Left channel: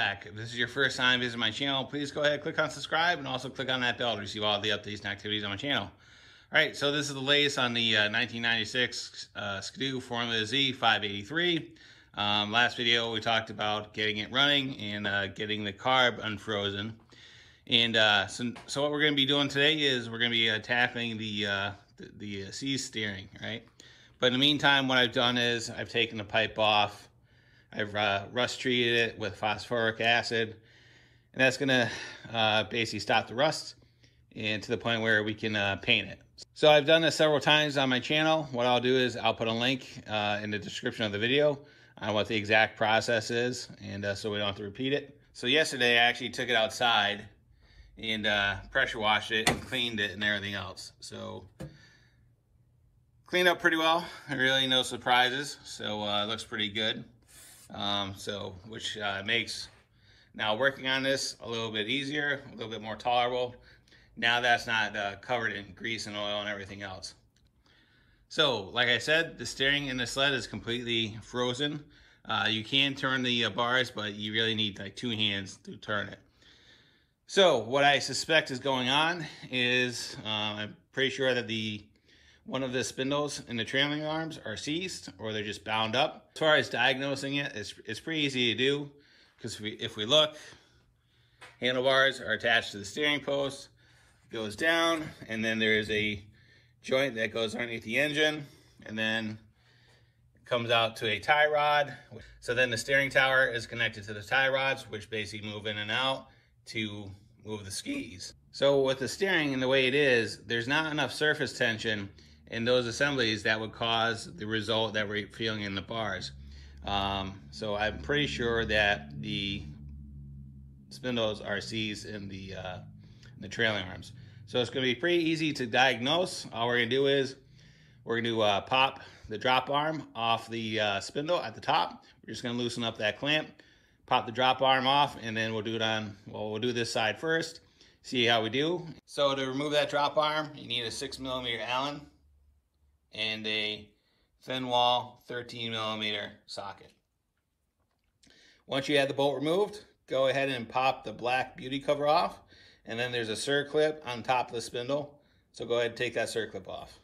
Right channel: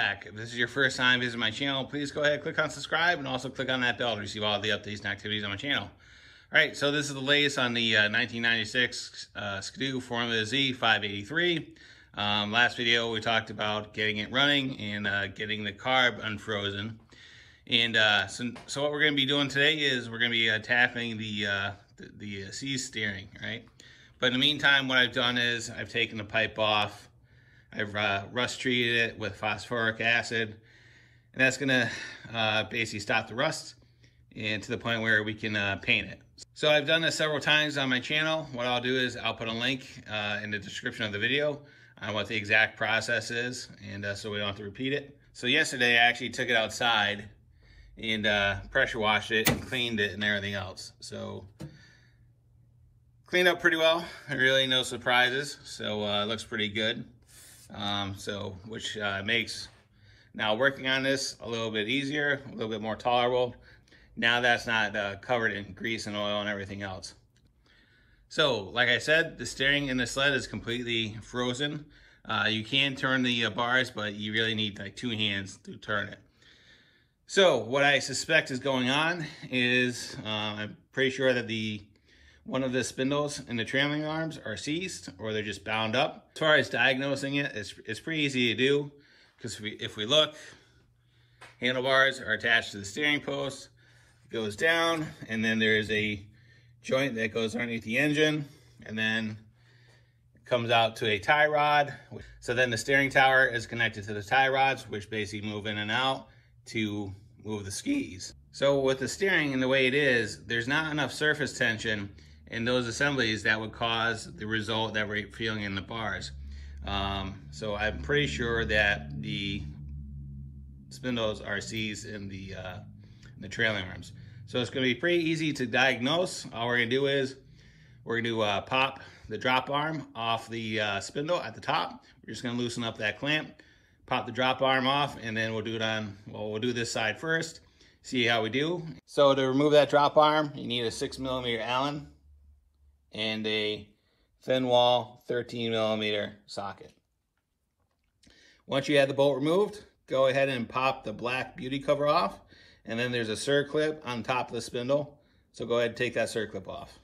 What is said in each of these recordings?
back. If this is your first time visiting my channel, please go ahead, click on subscribe, and also click on that bell to receive all the updates and activities on my channel. All right, so this is the latest on the 1996 Skidoo Formula Z 583. Last video, we talked about getting it running and getting the carb unfrozen. And so what we're going to be doing today is we're going to be tackling the C steering, right? But in the meantime, what I've done is I've taken the pipe off. I've rust treated it with phosphoric acid, and that's gonna basically stop the rust and to the point where we can paint it. So I've done this several times on my channel. What I'll do is I'll put a link in the description of the video on what the exact process is, and so we don't have to repeat it. So yesterday I actually took it outside and pressure washed it and cleaned it and everything else. So cleaned up pretty well, really no surprises. So it looks pretty good. Which makes now working on this a little bit easier, a little bit more tolerable. Now that's not covered in grease and oil and everything else. So, like I said, the steering in the sled is completely frozen. You can turn the bars, but you really need like 2 hands to turn it. So, what I suspect is going on is I'm pretty sure that one of the spindles in the trailing arms are seized or they're just bound up. As far as diagnosing it, it's pretty easy to do because if we look, handlebars are attached to the steering post, it goes down, and then there's a joint that goes underneath the engine, and then it comes out to a tie rod. So then the steering tower is connected to the tie rods, which basically move in and out to move the skis. So with the steering and the way it is, there's not enough surface tension in those assemblies that would cause the result that we're feeling in the bars. So I'm pretty sure that the spindles are seized in the trailing arms. So it's gonna be pretty easy to diagnose. All we're gonna do is we're gonna pop the drop arm off the spindle at the top. We're just gonna loosen up that clamp, pop the drop arm off, and then we'll do this side first, see how we do. So to remove that drop arm, you need a 6mm Allen and a thin wall 13mm socket. Once you have the bolt removed, go ahead and pop the black beauty cover off, and then there's a circlip on top of the spindle, so go ahead and take that circlip off.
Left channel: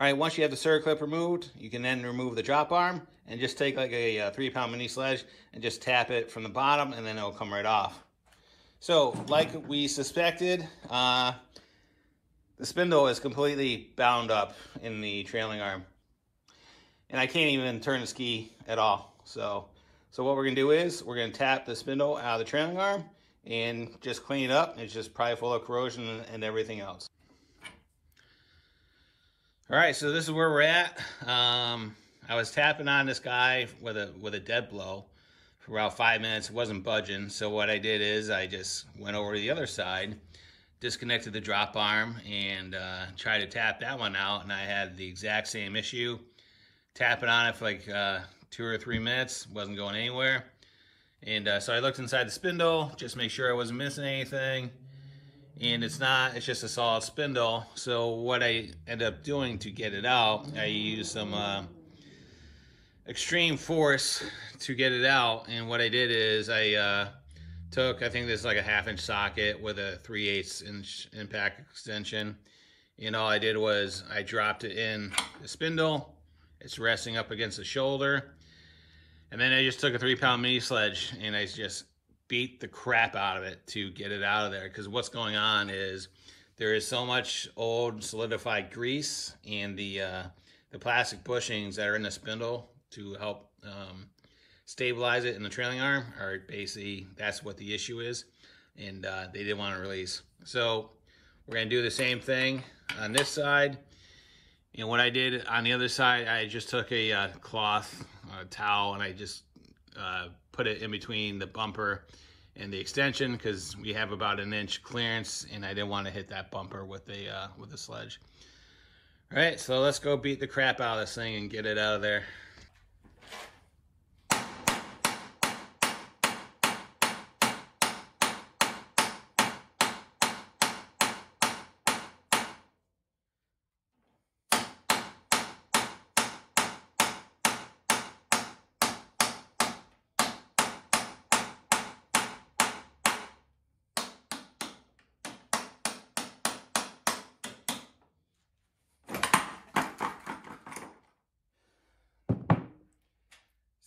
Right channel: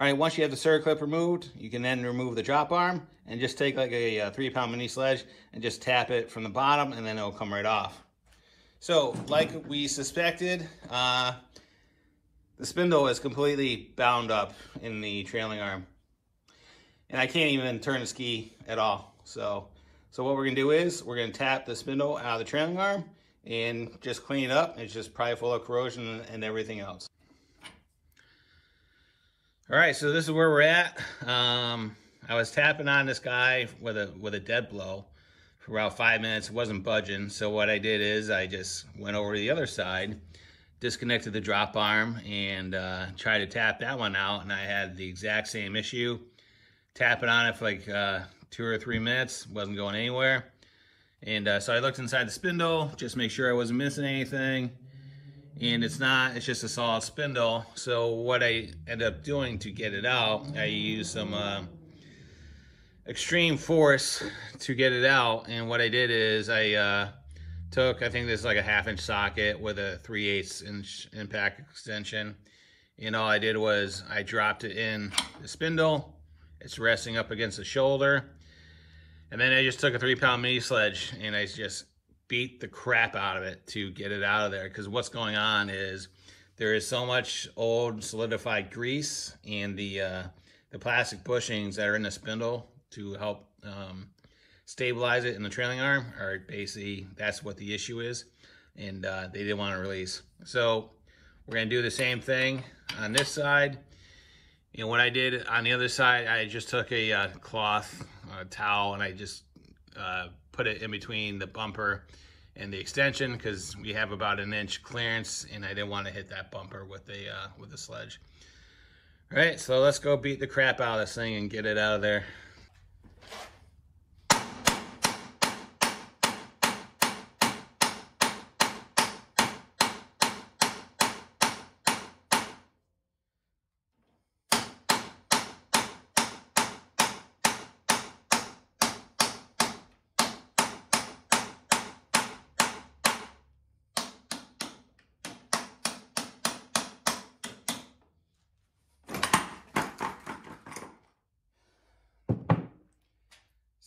All right, once you have the circlip removed, you can then remove the drop arm and just take like a 3-pound mini sledge and just tap it from the bottom, and then it'll come right off. So like we suspected, the spindle is completely bound up in the trailing arm, and I can't even turn the ski at all. So what we're gonna do is we're gonna tap the spindle out of the trailing arm and just clean it up. It's just probably full of corrosion and everything else. All right, so this is where we're at. I was tapping on this guy with a dead blow for about 5 minutes. It wasn't budging. So what I did is I just went over to the other side, disconnected the drop arm, and tried to tap that one out, and I had the exact same issue. Tapping on it for like 2 or 3 minutes, wasn't going anywhere. And so I looked inside the spindle, just make sure I wasn't missing anything. And it's not, it's just a solid spindle. So what I ended up doing to get it out, I used some extreme force to get it out. And what I did is I took, I think this is like a 1/2-inch socket with a 3/8-inch impact extension. And all I did was I dropped it in the spindle. It's resting up against the shoulder. And then I just took a 3-pound mini sledge and I just beat the crap out of it to get it out of there. Because what's going on is there is so much old solidified grease, and the plastic bushings that are in the spindle to help stabilize it in the trailing arm are basically, that's what the issue is, and they didn't want to release. So we're going to do the same thing on this side. And what I did on the other side, I just took a cloth towel and I just put it in between the bumper and the extension, because we have about 1 inch clearance and I didn't want to hit that bumper with the sledge. All right, so let's go beat the crap out of this thing and get it out of there.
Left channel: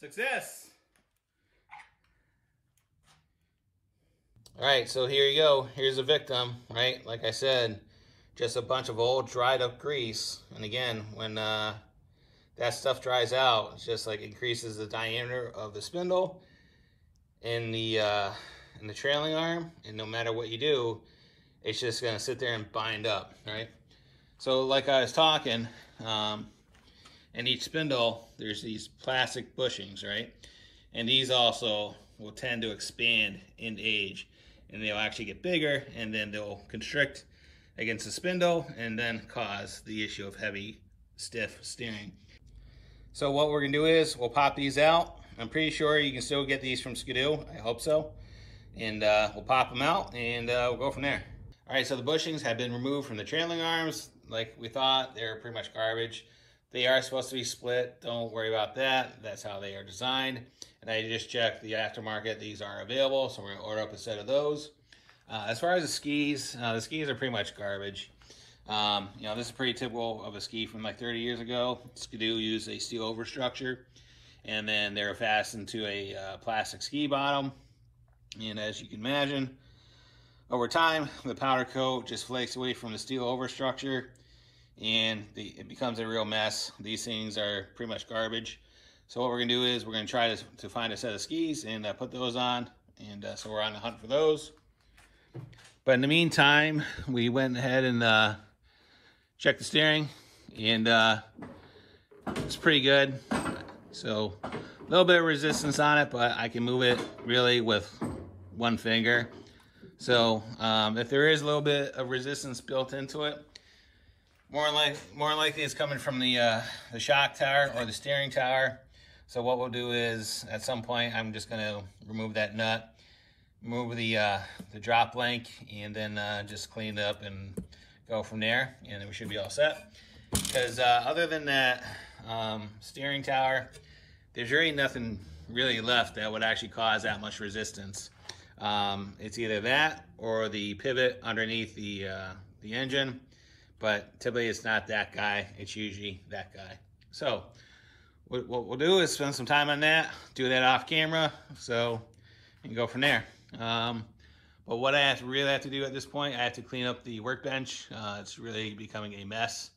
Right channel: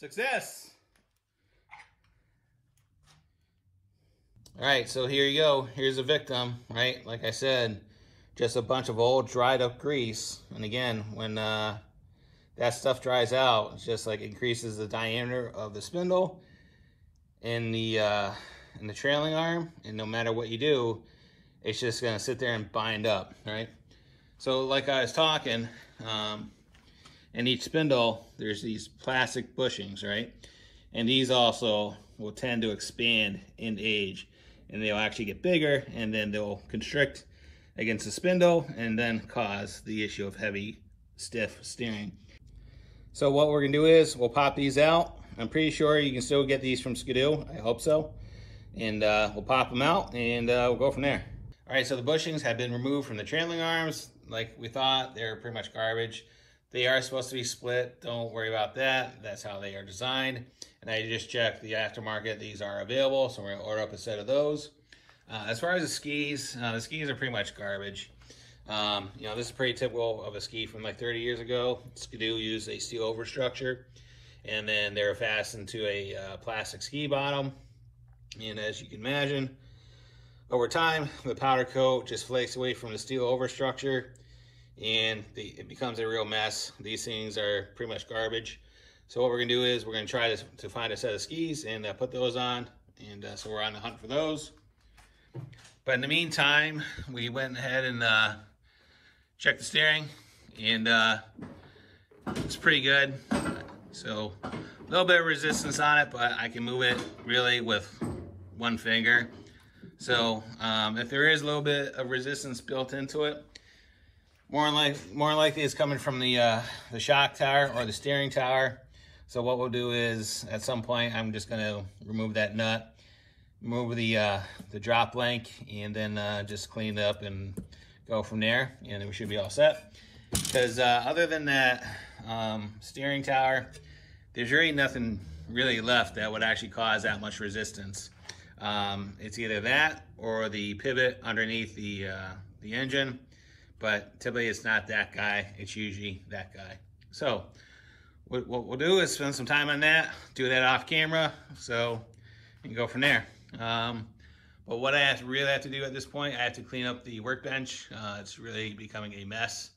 Success! All right, so here you go. Here's a victim, right? Like I said, just a bunch of old dried up grease. And again, when that stuff dries out, it's just like increases the diameter of the spindle in the trailing arm. And no matter what you do, it's just gonna sit there and bind up, right? So like I was talking, in each spindle, there's these plastic bushings, right? And these also will tend to expand in age, and they'll actually get bigger, and then they'll constrict against the spindle and then cause the issue of heavy, stiff steering. So what we're gonna do is we'll pop these out. I'm pretty sure you can still get these from Skidoo, I hope so. And we'll pop them out and we'll go from there. All right, so the bushings have been removed from the trailing arms. Like we thought, they're pretty much garbage. They are supposed to be split. Don't worry about that. That's how they are designed. And I just checked the aftermarket. These are available, so we're gonna order up a set of those. As far as the skis are pretty much garbage. You know, this is pretty typical of a ski from like 30 years ago. Skidoo used a steel overstructure, and then they were fastened to a plastic ski bottom. And as you can imagine, over time, the powder coat just flakes away from the steel overstructure, and it becomes a real mess. These things are pretty much garbage. So what we're gonna do is we're gonna try to find a set of skis and put those on. And so we're on the hunt for those. But in the meantime, we went ahead and checked the steering, and it's pretty good. So a little bit of resistance on it, but I can move it really with one finger. So if there is a little bit of resistance built into it, more likely it's coming from the shock tower or the steering tower. So what we'll do is at some point I'm just gonna remove that nut, remove the drop link, and then just clean it up and go from there, and then we should be all set. Because other than that steering tower, there's really nothing really left that would actually cause that much resistance. It's either that or the pivot underneath the engine, but typically it's not that guy, it's usually that guy. So what we'll do is spend some time on that, do that off camera, so we can go from there. But what I really have to do at this point, I have to clean up the workbench. It's really becoming a mess,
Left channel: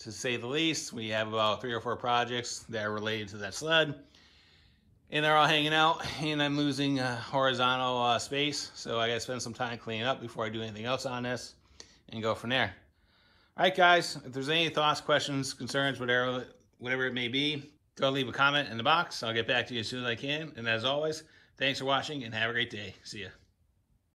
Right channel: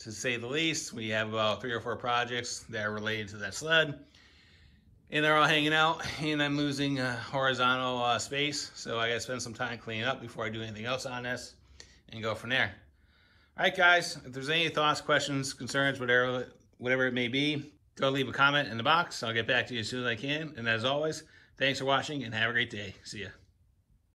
to say the least. We have about 3 or 4 projects that are related to that sled, and they're all hanging out, and I'm losing horizontal space. So I gotta spend some time cleaning up before I do anything else on this and go from there. All right, guys, if there's any thoughts, questions, concerns, whatever it may be, go leave a comment in the box. I'll get back to you as soon as I can. And as always, thanks for watching and have a great day. See ya.